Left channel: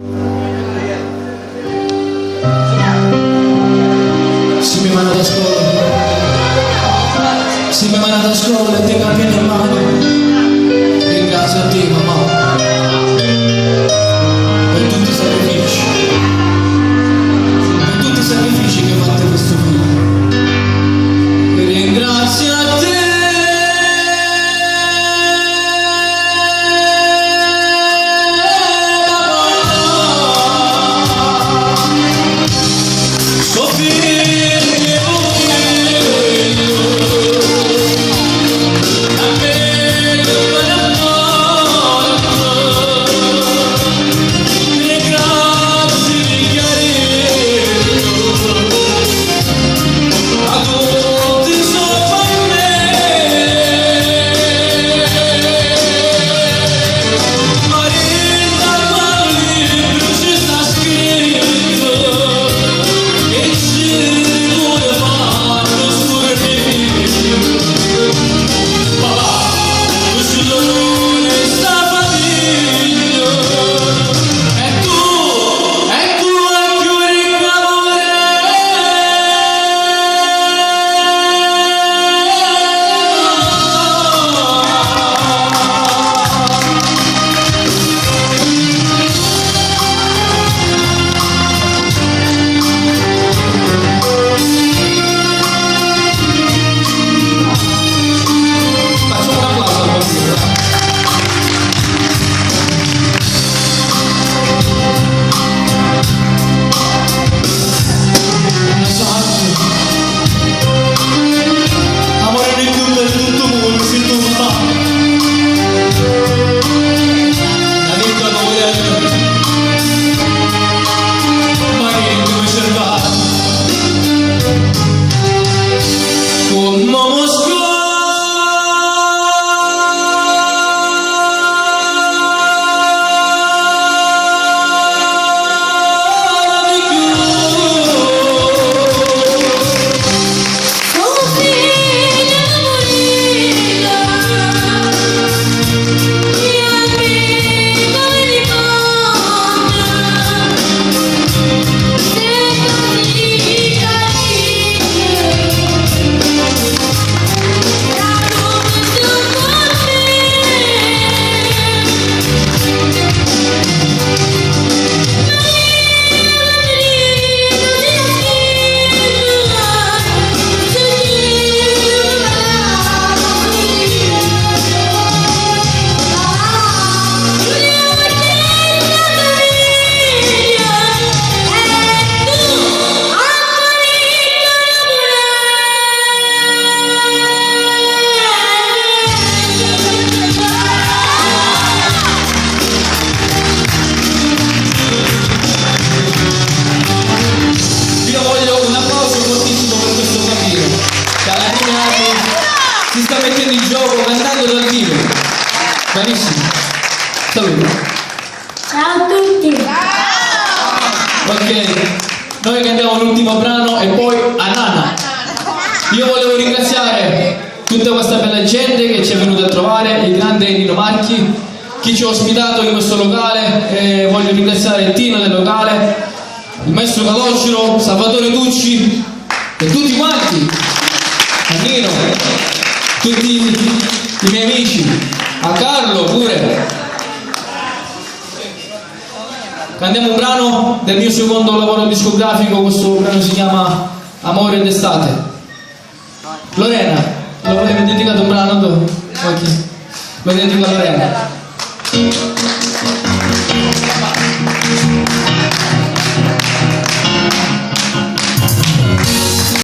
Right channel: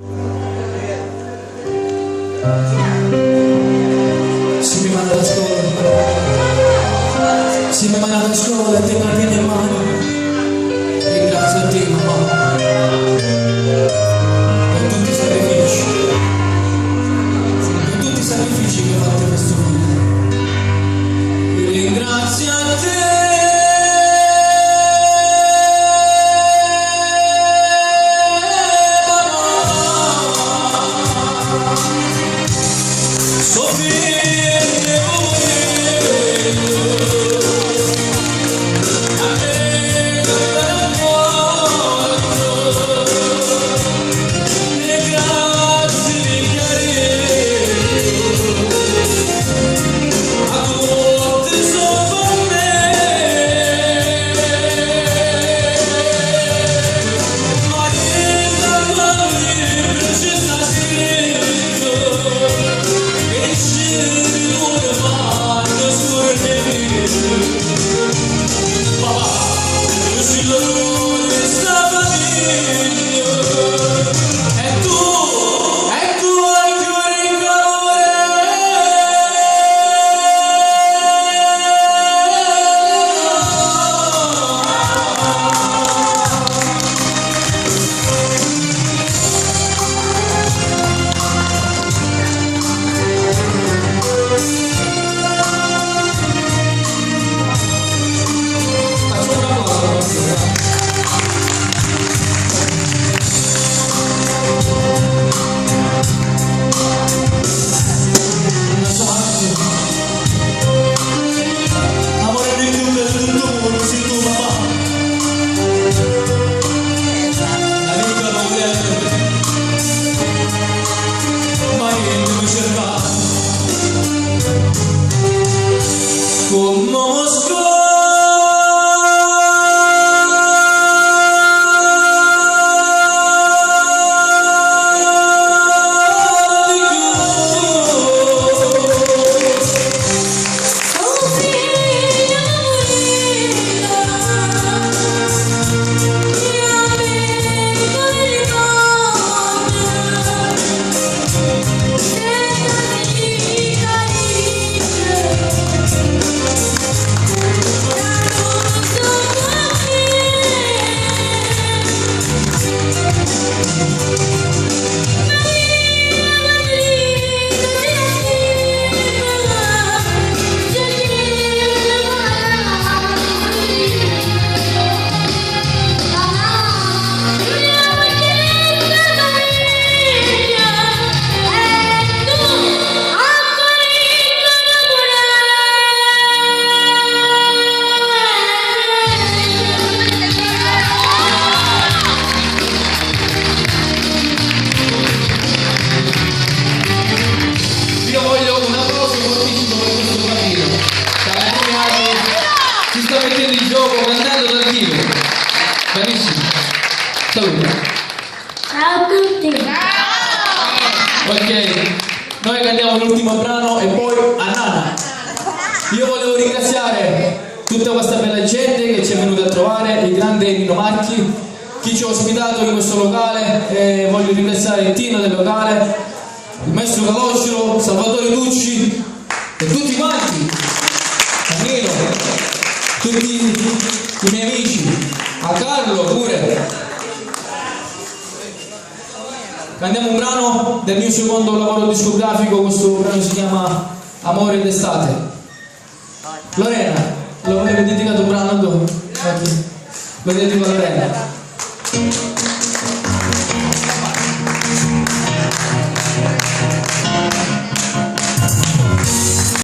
Si mi manda da scuola e ti cambia le mani. Ringrazio a te, mamma, per tutti i sacrifici che hai fatto in questo film. Ringrazio a te, si sta mettendo in gioco cantando dal vivo. Bravissimo. Saluti. Ciao a tutti. Ok, noi cantiamo l'ultimo brano e poi a Nana. Io volevo ringraziare tutta questa bella gente che ci è venuta a trovare, il grande Nino Marchi, chi ci ha ospitato in questo locale, voglio ringraziare il team del locale, il maestro Calogero, Salvatore Tucci e tutti quanti, a Nino, tutti i miei amici, a Carlo pure. Cantiamo un brano del mio secondo lavoro discografico, questo brano si chiama Amore d'estate. Lorena, lo volete dedicare un brano? Ok, lo dedico a Lorena.